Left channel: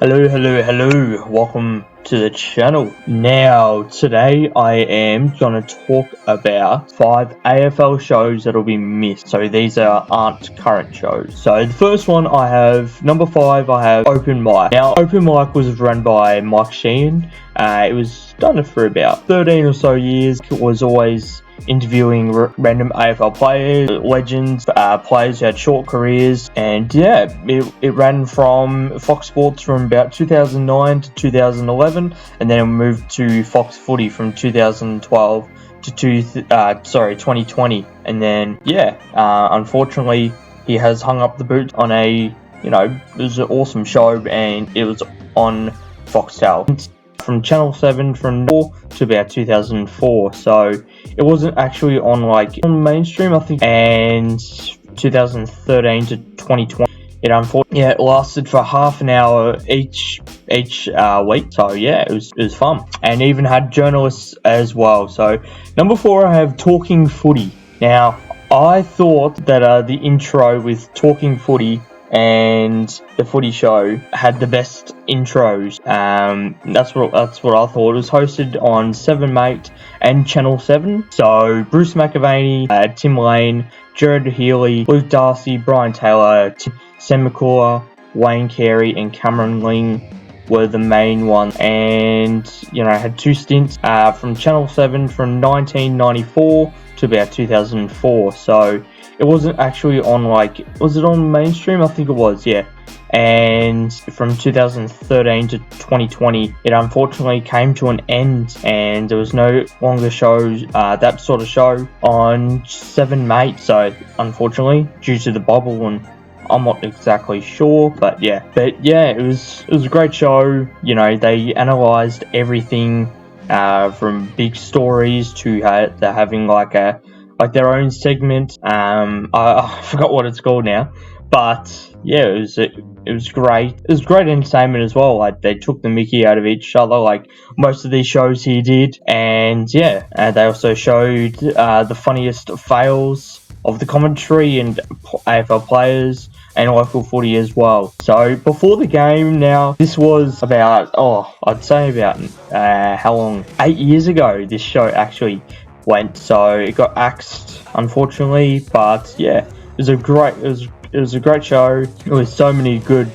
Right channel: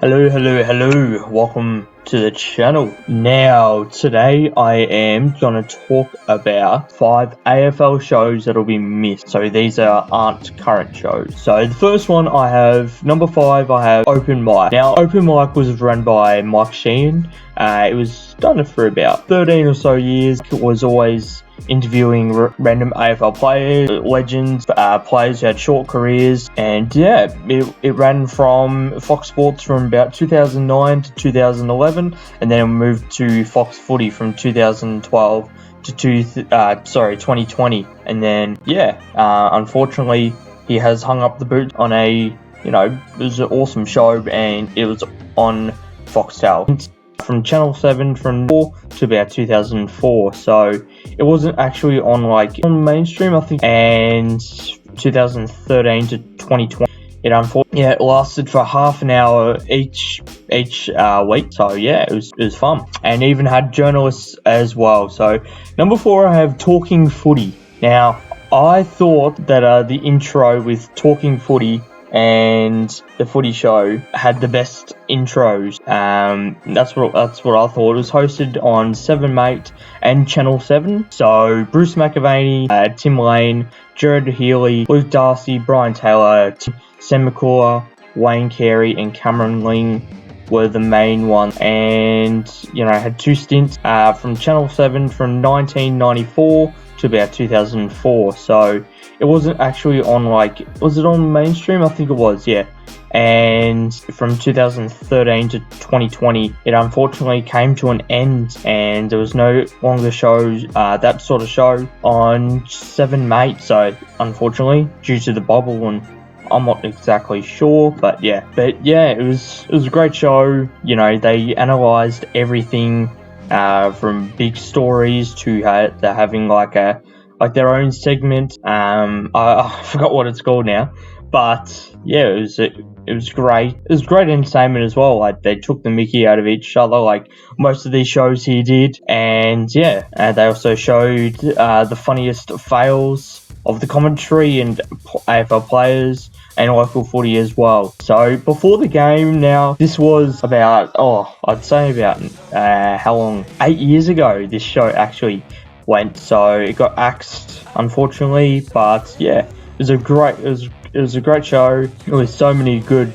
Hello, welcome to the channel. Now, today I am going to talk about 5 AFL shows that'll be missed. So these aren't current shows. So the first one I have, number 5, I have Open Mic. Now, Open Mic was run by Mike Sheehan. It was done for about 13 or so years. It was always interviewing random AFL players, legends, players who had short careers, and yeah, it ran from Fox Sports from about 2009 to 2011, and then moved to Fox Footy from 2012 to 2020, and then unfortunately he has hung up the boot on it was an awesome show, and it was on Foxtel from Channel 7 from to about 2004, so it wasn't actually on mainstream, I think, and 2013 to 2020 it lasted for half an hour each week, so yeah, it was fun, and even had journalists as well. So number 4, I have Talking Footy. Now, I thought that the intro with Talking Footy and the Footy show had the best intros. That's what I thought. It was hosted on 7mate and Channel 7. So Bruce McAvaney, Tim Lane, Jared Healy, Luke Darcy, Brian Taylor, Sam McClure, Wayne Carey, and Cameron Ling were the main ones, and had 2 stints from Channel 7 from 1994 to about 2004. So it wasn't actually on was it on mainstream? I think it was, yeah. And from 2013 to 2020, it unfortunately came to an end, and there was no longer shows, that sort of show on 7mate. So unfortunately, due to the bubble, and I'm not exactly sure, but yeah, it was a great show. They analysed everything from big stories to having their own segment. I forgot what it's called now, but yeah, it was great. It was great entertainment as well. They took the mickey out of each other, like most of these shows he did, and yeah, they also showed the funniest fails of the commentary and AFL players and local footy as well. So before the game, now this was about I'd say about how long? 8 years ago this show actually went. So it got axed, unfortunately, but yeah, it was a great show. There was so many good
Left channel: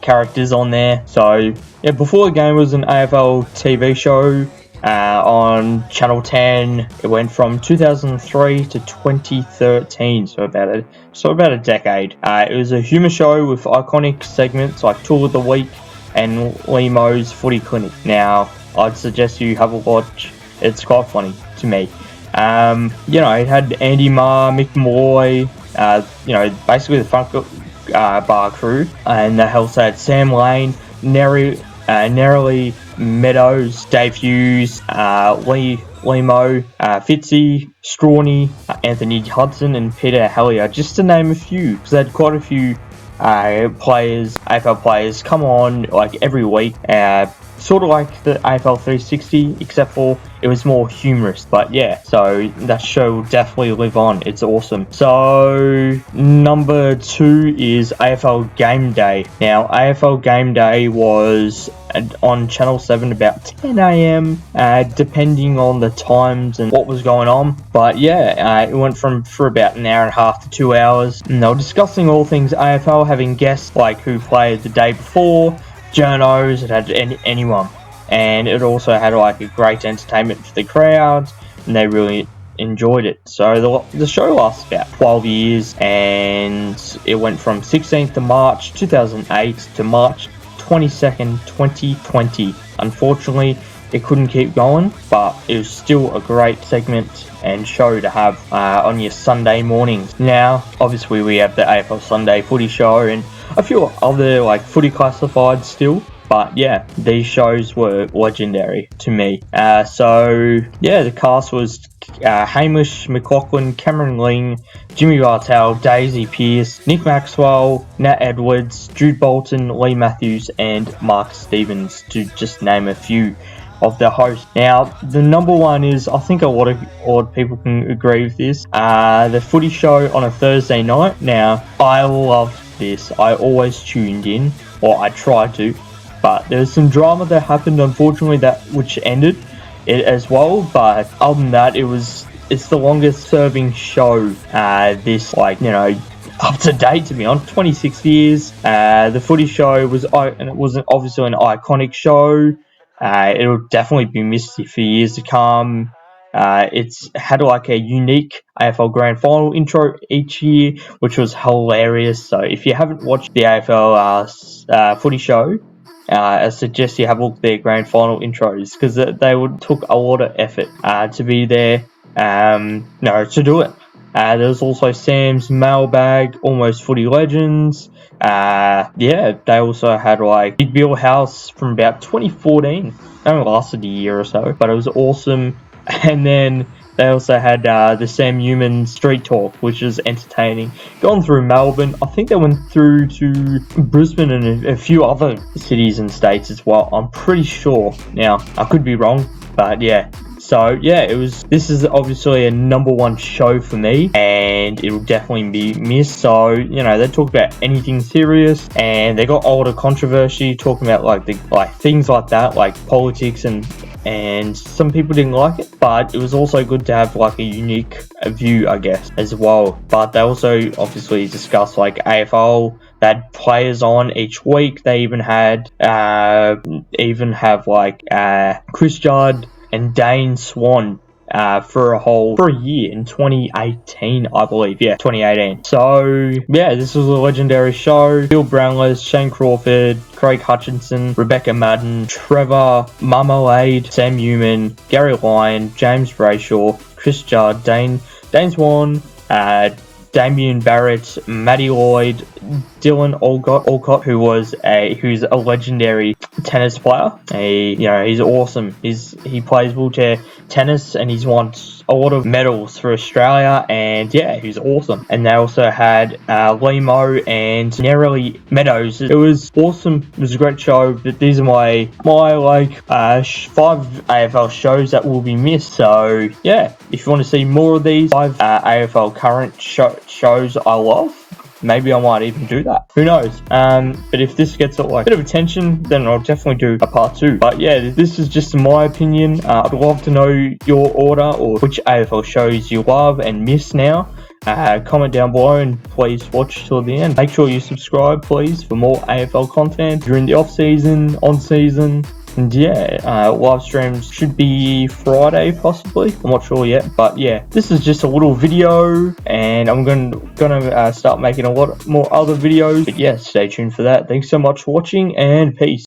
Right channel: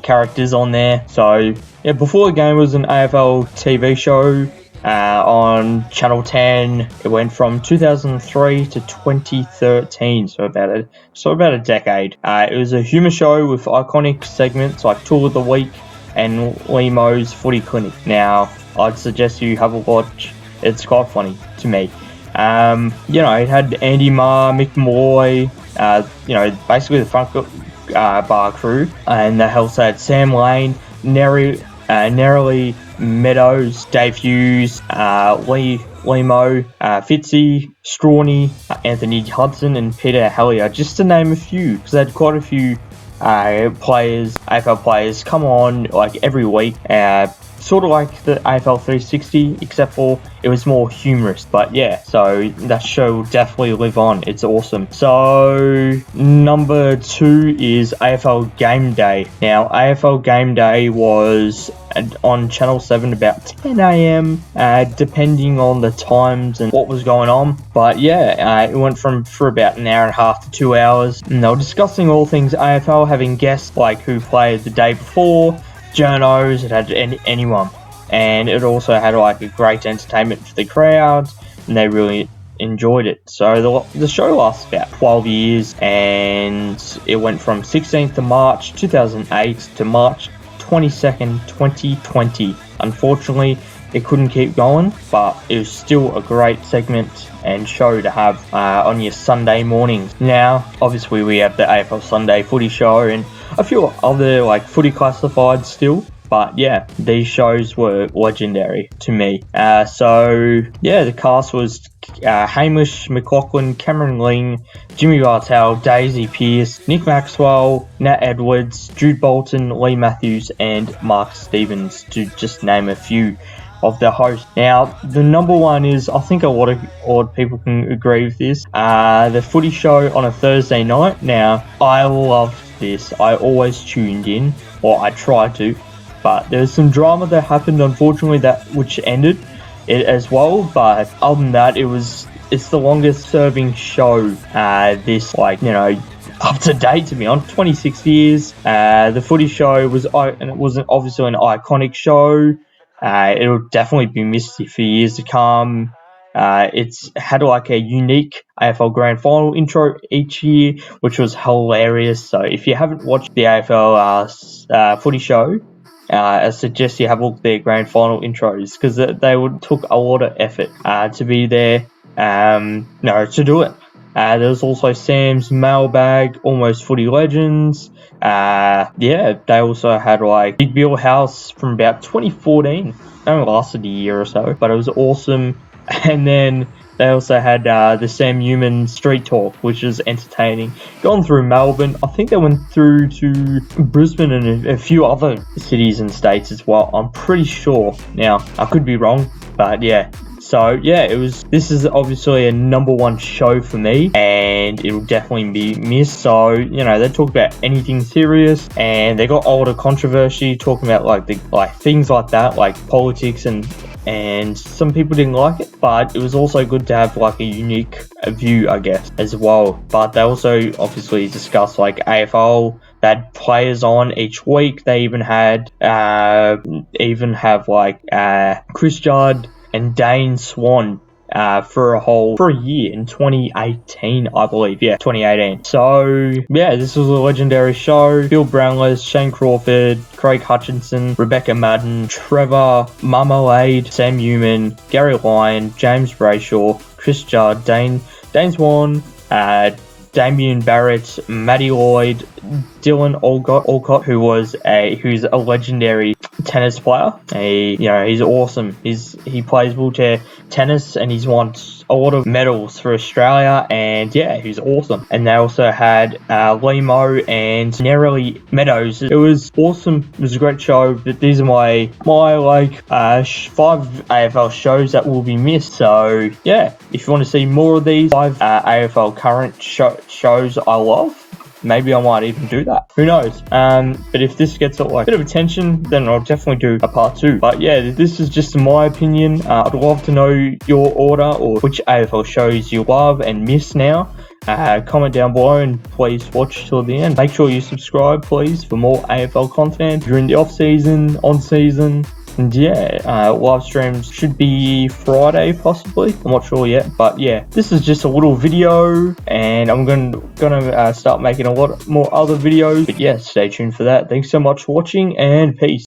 characters on there. So yeah, before the game was an AFL TV show on Channel 10. It went from 2003 to 2013, so about a decade. It was a humour show with iconic segments like Tool of the Week and Lemo's Footy Clinic. Now, I'd suggest you have a watch. It's quite funny to me. It had Andy Marr, Mick Moy, basically the Funk Bar crew, and they also had Sam Lane, Nerily Meadows, Dave Hughes, Lemo, Fitzy, Strawny, Anthony Hudson, and Peter Hellier, just to name a few, because they had quite a few AFL players come on every week, sort of like the AFL 360, except for it was more humorous. But yeah, so that show will definitely live on. It's awesome. So number 2 is AFL Game Day. Now, AFL Game Day was on Channel 7 about 10 AM, depending on the times and what was going on. But yeah, it went for about an hour and a half to 2 hours, and they were discussing all things AFL, having guests like who played the day before, journos, it had anyone, and it also had a great entertainment for the crowds, and they really enjoyed it. So the show lasted about 12 years, and it went from 16th of March 2008 to March 22nd 2020. Unfortunately, it couldn't keep going, but it was still a great segment and show to have on your Sunday mornings. Now, obviously, we have the AFL Sunday Footy show and a few other footy classifieds still, but yeah, these shows were legendary to me. So yeah, the cast was Hamish McLaughlin, Cameron Ling, Jimmy Bartel, Daisy Pearce, Nick Maxwell, Nat Edwards, Jude Bolton, Lee Matthews, and Mark Stevens, to just name a few of the hosts. Now, the number 1 is, I think a lot of people can agree with this, the Footy show on a Thursday night. Now, I loved this. I always tuned in, or I tried to, but there was some drama that happened, unfortunately, which ended it as well. But other than that, it's the longest serving show this, like, you know, up to date, to be honest. 26 years. The Footy show was obviously an iconic show. It'll definitely be missed for years to come. It's had like a unique AFL Grand Final intro each year, which was hilarious. So if you haven't watched the AFL Footy show, I suggest you have a look at their Grand Final intros, because they took a lot of effort to be there, to do it. There's also Sam's Mailbag, Almost Footy Legends. They also had like Big Bill House from about 2014. It only lasted a year or so, but it was awesome. And then they also had the Sam Newman Street Talk, which is entertaining. Gone through Melbourne. I think they went through to Brisbane and a few other cities and states as well. I'm pretty sure. Now, I could be wrong, but yeah. So yeah, this is obviously a #1 show for me, and it will definitely be missed. So, you know, they talk about anything serious, and they got a lot of controversy talking about like things like that, like politics, and some people didn't like it, but it was also good to have like a unique view, I guess, as well. But they also obviously discussed like AFL. They had players on each week. They even have like Chris Judd and Dane Swan for a year in 2018, I believe. Yeah, 2018. So yeah, this was a legendary show. Bill Brownless, Shane Crawford, Craig Hutchinson, Rebecca Madden, Trevor Marmalade, Sam Newman, Gary Lyon, James Brayshaw, Chris Judd, Dane Swan, Damien Barrett, Matty Lloyd, Dylan Alcott, who's a legendary tennis player. He's awesome. He plays wheelchair tennis, and he's won a lot of medals for Australia, and yeah, he's awesome. And they also had Limo and Nerily Meadows. It was awesome. It was a great show. But these are my 5 AFL shows that will be missed. So yeah, if you want to see more of these 5 AFL current shows I love, maybe I might even do that. Who knows? But if this gets a bit of attention, then I'll definitely do a part 2. But yeah, this is just my opinion. I'd love to know your order, or which AFL shows you love and miss now. Comment down below, and please watch till the end. Make sure you subscribe, please, for more AFL content during the off season, on season. And yeah, live streams should be Friday, possibly. I'm not sure yet, but yeah, this is just a little video, and I'm gonna start making a lot more other videos. But yeah, stay tuned for that. Thanks so much for watching, and peace.